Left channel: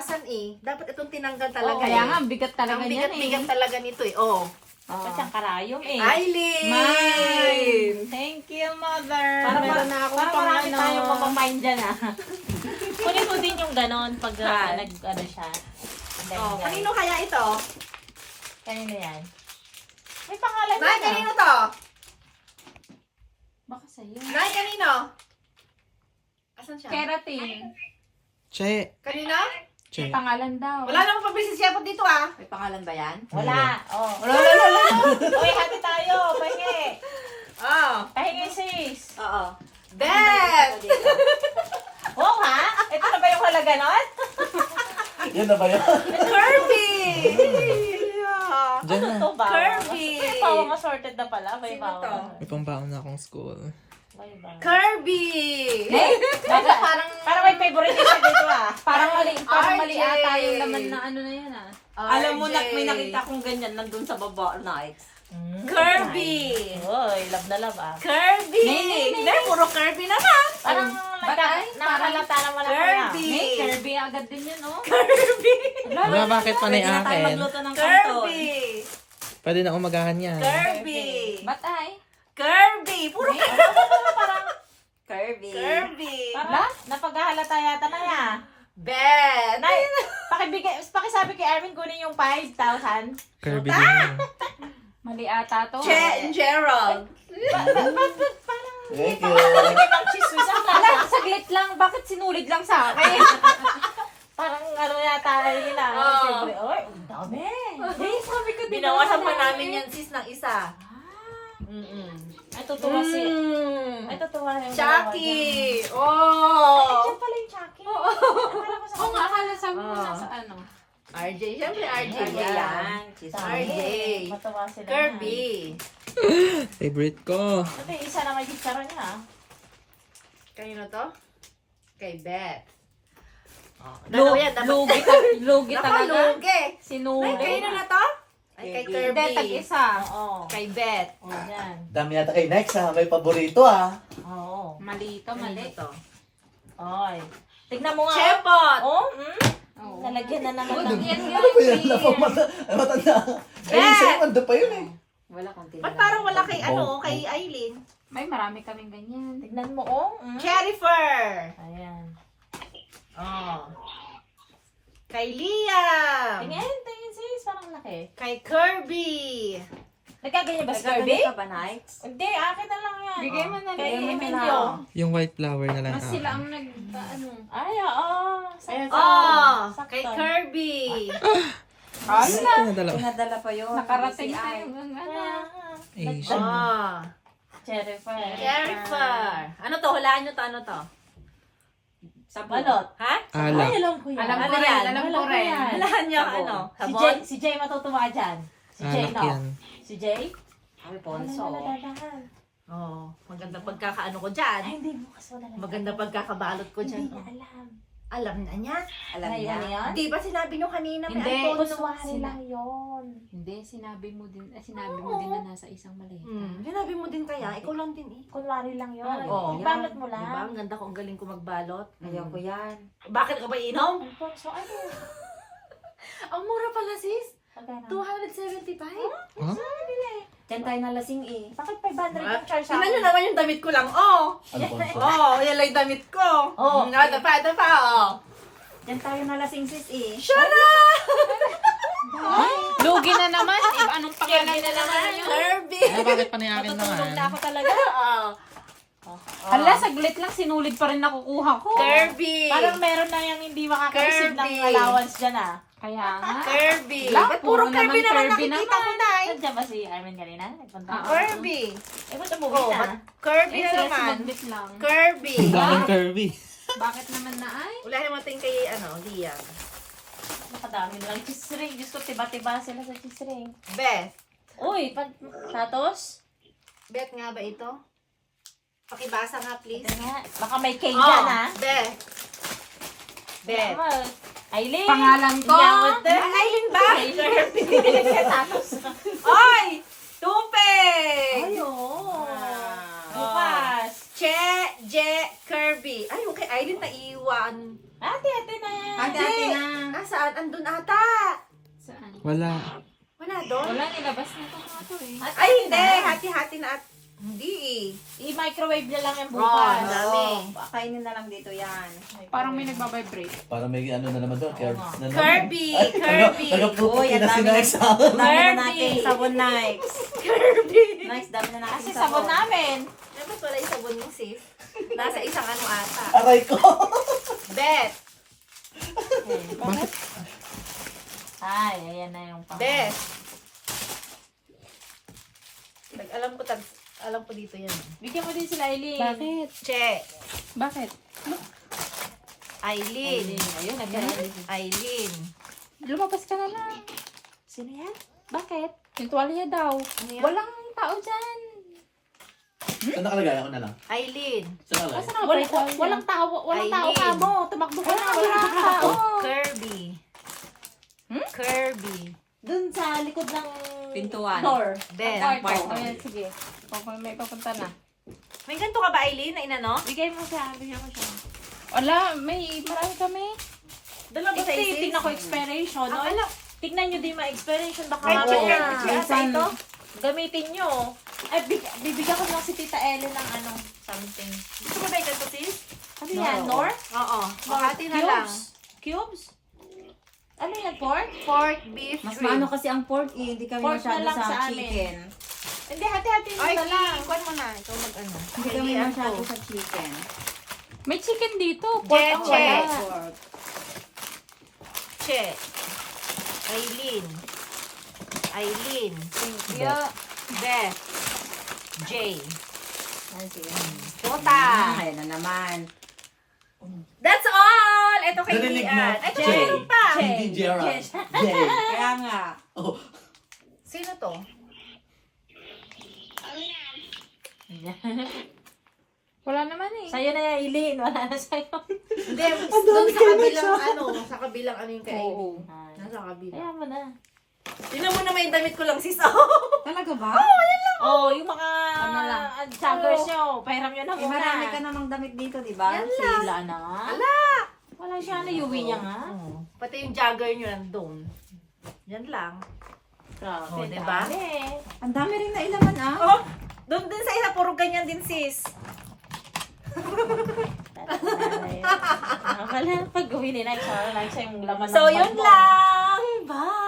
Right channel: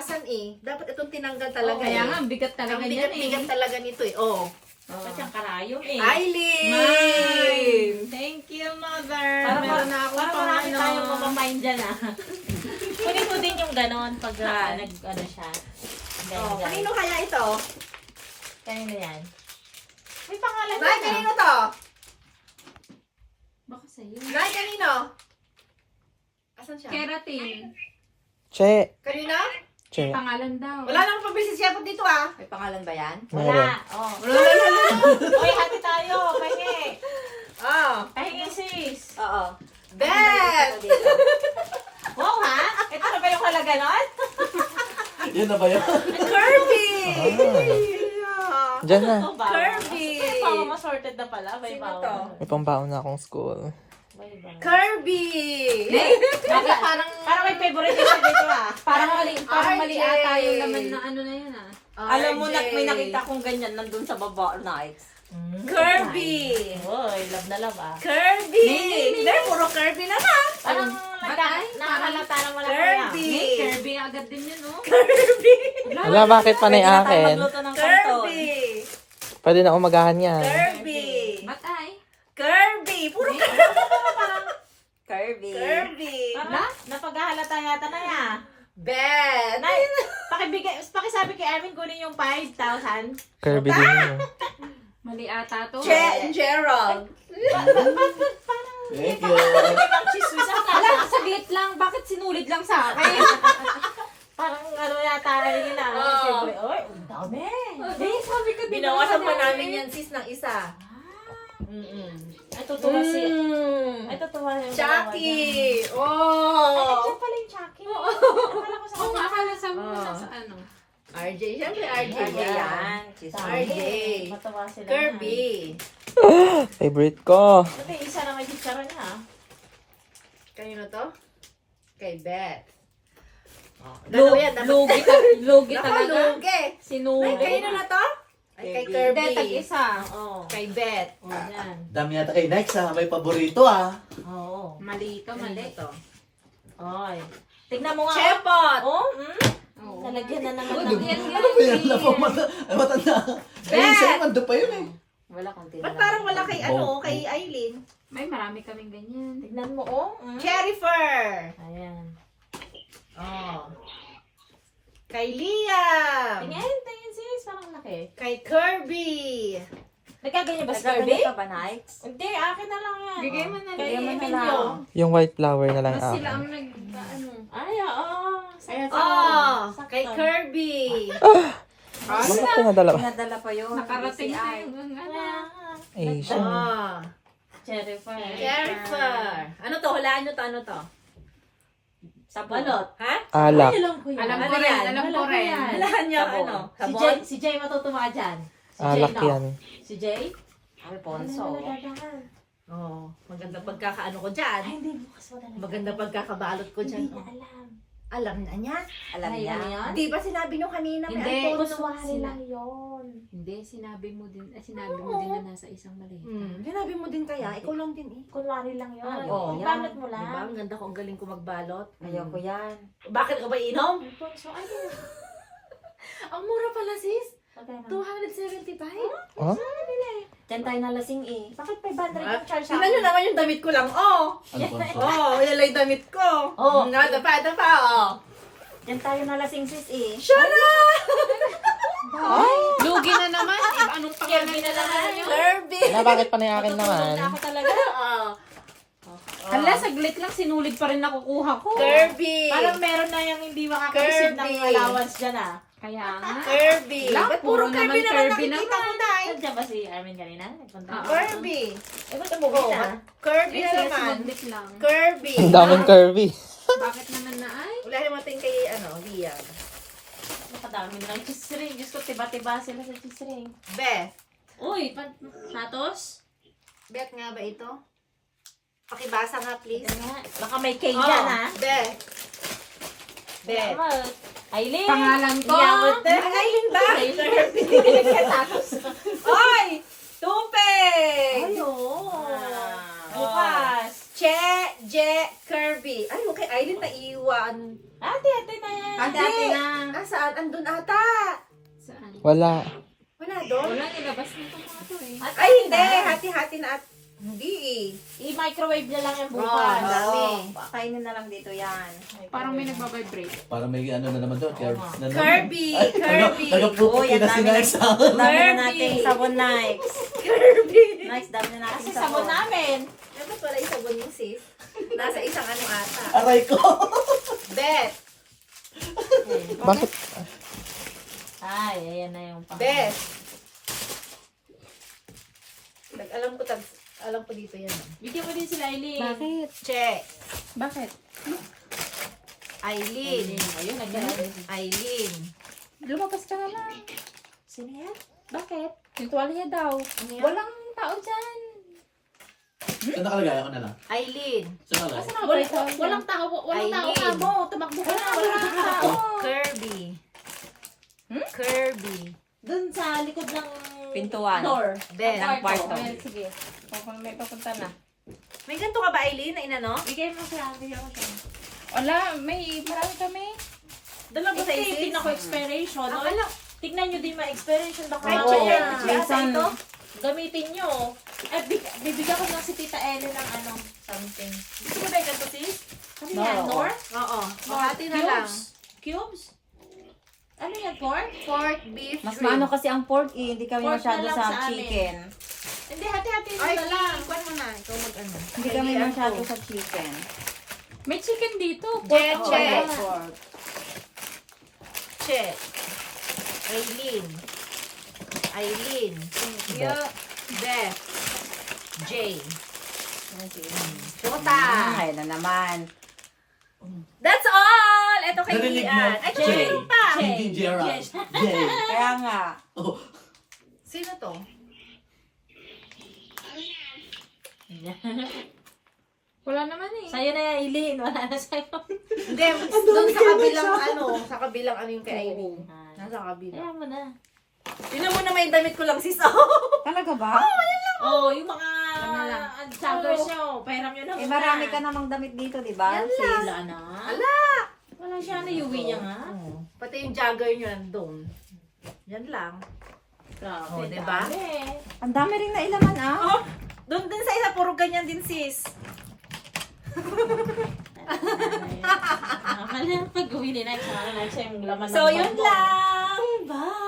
kinabukasan eh. Dapat itong tinanggal talaga Kaya eh. nga, ang bigat talaga Ang niyan bigat-bigat talaga nito eh. Oh. Ba't siyang karayom eh? Eileen! Mine! Thank you, mother! Para meron na akong para pang marami ano. tayong mapamain dyan ah. Kunin mo din yung ganon pag nag-ano siya. Oh, kanino kaya ito? Kanino yan? May pangalan Nay, yan kanino to? Baka sa'yo. Nay, kanino? Asan siya? Keratin. Che. Kanina? Che. Pangalan daw. Wala namang pabilis siya po dito ah. May pangalan ba yan? Wala. Oh. Wala. Uy, hati tayo. Pwede. Oh. Pahingi sis. Oo. Bet! Wow ha? Ito na ba yung halaga nun? Yun na ba yun? Kirby! Diyan na. Ito ba? Kirby! May pawang assorted na pala. May Sino pawang. to? May pambaon na akong school. May bawang. Kirby! Bakit parang may favorite siya dito ah. Parang mali RJ. ata yung laman na ano na yan ah. Alam mo, RJ. may nakita kong ganyan nandun sa baba, nights. Kirby! Uy, love na love ah. Kirby! Hindi, puro Kirby na na. Parang Batay? nakakalata ng wala Kirby! Kirby agad din yun oh. Kirby! Wala, bakit panay Pwede na tayo akin? magluto ng kanton. Kirby! Pwede na umagahan yan. Kirby! Batay? Kirby! Puro Kirby. Kirby! Wala? Napaghahalata yata na niya. Bet! Nay, pakisabi kay Arvin kunin yung 5,000. Kirby din yun. Mali ata to. Che and Gerald! Thank you. Ang chismis ang Wala, saglit lang. Bakit sinulid lang sa akin? Parang ano yata nila. Oo. Siyempre, oy, ang dami. Sabi ko din Binawasan pa naman, namin yan sis ng isa. Ay, tutuwa si... Ay, Mm. tutuwa yung... Chucky! Ay, Oh! dyan pala yung Chucky. Oo nga, akala sabi mo Ah. sa ano. RJ, siyempre RJ Ano yan. yan? RJ. Matawa sila. Kirby. Favorite ko. Ito yung isa na may chicharon niya. ah. Kanino to? Kay Beth. Oh, dalawa yan. Dapat Lugi talaga. Nakalugi. Ay, Sinulid. kanino na to? Ay, kay Kirby. Hindi, Kirby. tag-isa. Oo. Kay Beth. Oh, yan. Dami yata kay next ha. May paborito ha. Oo. Mali ito, Kanino mali. to? Oy. Tignan mo nga. Chepot! Oh, Oo. nalagyan na naman Walang ng... yan nga. Ano ba yan? Matanda. Ay, sa'yo, manda pa yun eh. Wala kang Ba't parang wala kay ano, kay Eileen? May marami kaming ganyan. Tignan mo, oh. Jennifer! Ayan. Oh. Kay Liam! Tingin sis. Parang laki. Kay Kirby! Nagkaganyan ba si Nagkaganda Kirby? ka ba, nights? Hindi, akin na lang yan. Bigay mo na Bigay lang. mo na Bigay lang. mo. Yung white flower na lang Mas sila ako. ang ano. Ay, oo. Oh! Sakto. Kay Kirby! Ito na dalawa. Pinadala pa yun. Nakarating Si sa Ai. yung ano. Asian. Oh! Jennifer. Jennifer! Ano to? Hulaan nyo to. Ano to? Sabon. Ano? Ha? Alak. Ay, alam ko yan. Alam Ano ko rin, yan? alam ko rin. Hulaan nyo Sabon. ano? Si Sabon? Jay, si Jay matutuwa dyan. Si Jay, Alak no? yan. Si Jay? Alfonso. Oh, maganda pagkakaano ko dyan. Ay, hindi mo kasi wala. Maganda pagkakabalot ko dyan. Hindi Oh. niya alam. Alam na niya. Alam Ayun niya. yan? Di ba sinabi nyo kanina may Hindi. Alfonso? Kunwari lang yun. Hindi, sinabi mo din na nasa isang maleta. Sinabi mo din kaya, ikaw lang din eh. Kunwari lang yun. Oo. Ibanat mo lang. Diba? Ang ganda ko, ang galing ko magbalot. Ayoko yan. Bakit ka ba inom? Alfonso, ano? Ang mura pala sis. Magkano? 275? Huh? Diyan tayo nalasing eh. Bakit 500 yung charge sa Tingnan nyo naman yung damit ko lang. Oh! Alfonso. Oh, yan lang yung damit ko. Oh. Nga, dapa, oh. Diyan tayo nalasing sis eh. Shara! Lugi na naman. Anong pangalan na naman yun? Kirby! Ano, bakit panay akin naman? Ako talaga. Oh. Hala, saglit lang. Sinulid pa rin nakukuha ko. Kirby! Parang meron na yung hindi makaka-receive ng Kirby. allowance dyan ah. Kaya nga. Kirby! Wala, Ba't puro puro Kirby naman na lang Kirby nakikita ko na eh? Nandiyan ba si Armin kanina? Nagpunta Ah, ako. Kirby! Eh, ba't Oh, umuwi na? ba't Kirby na Sila naman. sumaglit lang. Kirby! Ang daming curvy. Bakit naman na ay? Wala naman tingin kay, ano, Liam. Nakadami na lang cheese ring. Diyos ko, tiba-tiba sila sa cheese ring. Beth. Uy, satos? Beth nga ba ito? Pakibasa nga, please. Ito nga. Baka may cake Oh, dyan ha. Beth. Beth. Aileen. Pangalan ko. Ang Aileen ba? Kirby. Satos. Oy! Tupig! Ayun. Ah. Bukas. Kirby. Ay, okay, Aileen na iwan. Ate na yan. Hati-hati na. Ah, saan? Andun ata. Saan? Wala. Wala doon. Wala, nilabas na ito nga eh. Ay, hindi. Hati-hati na at... Hindi eh. I-microwave na lang yung Oh, bukas. dami. Kainin na lang dito yan. Parang may nagbabibrate. Parang may ano na naman doon. Kirby! Kirby! Uy, ang dami na Dami na Kirby. nating sabon, Nikes. Kirby! Nikes, dami na nating Kasi sabon sabon. namin. Ito pala yung sabon yung sis. Nasa isang ano ata. Aray ko. Bet! Bakit? Ay, ayan na yung pang. Bet! Alam ko dito yan. Bigyan mo din sila, Eileen. Bakit? Che! Bakit? Aileen! Ayun, nagkaroon. Aileen! Lumabas ka na lang. Sino yan? Bakit? Yung tuwalya daw. Ano yan? Walang tao dyan. Saan nakalagay? Ako na lang. Aileen! Saan nakalagay? Walang tao. Walang tao Aileen. ka mo. Tumakbo ka na. Walang tao. Kirby! Kirby! Doon sa likod ng Pintuan. door. Bet! Kwarto. Ayan, sige. May papunta na. May ganito ka ba, Aileen, na inano? Bigay mo siya, bigyan mo siya. Wala, may marami kami. Dalawa ba sa Ito, isis? tingnan ko expiration. Ang no? ala. Tignan nyo din mga expiration. Baka Ay, mamaya check. Minsan, ito? gamitin nyo. Ay, bibigyan ko lang si Tita Ellen ng ano, something. Gusto mo ba yung ganito, sis? Ano yan, Nor? Oo. Makati na lang. Cubes? Ano yan, pork? Pork, beef, mas shrimp. maano kasi ang pork eh. Hindi kami Pork masyado na lang sa sa amin. chicken. Hindi, hati-hati Ay, na lang. ikuan mo na. Ikaw mag-ano. Hindi kami masyado sa chicken. May chicken dito. Che, Oo, che. yeah, pork. Che. Aileen. Aileen. Beth. Jay. Tuta. Ay, na naman. That's all! Ito kay Narinig mo? Ian. Ay, Jay. meron pa. Hindi Gerald. Jay. Kaya nga. Oh, Sino to? Wala naman eh. Sa'yo na yan, Eileen. Wala na sa'yo. Hindi, doon sa kabilang ano. Sa kabilang ano yung kay Aileen. Ah, Nasa kabilang. Kaya mo na. Tingnan mo naman yung damit ko lang, sis. Talaga ba? Oh, yung mga lang? joggers nyo. Pairam nyo na Eh, muna. marami ka namang damit dito, di ba? Sila na. Ala! Wala siya na, yuwi niya nga. Oo. Pati yung jogger nyo nandun. Yan lang. Grabe, Oh, diba? dami. Ang dami rin na ilaman ah. Oh, doon din sa isa, puro ganyan din, sis. Pala, pag uwi ni Night, yung laman ng So, yun bag mo. lang. Bye!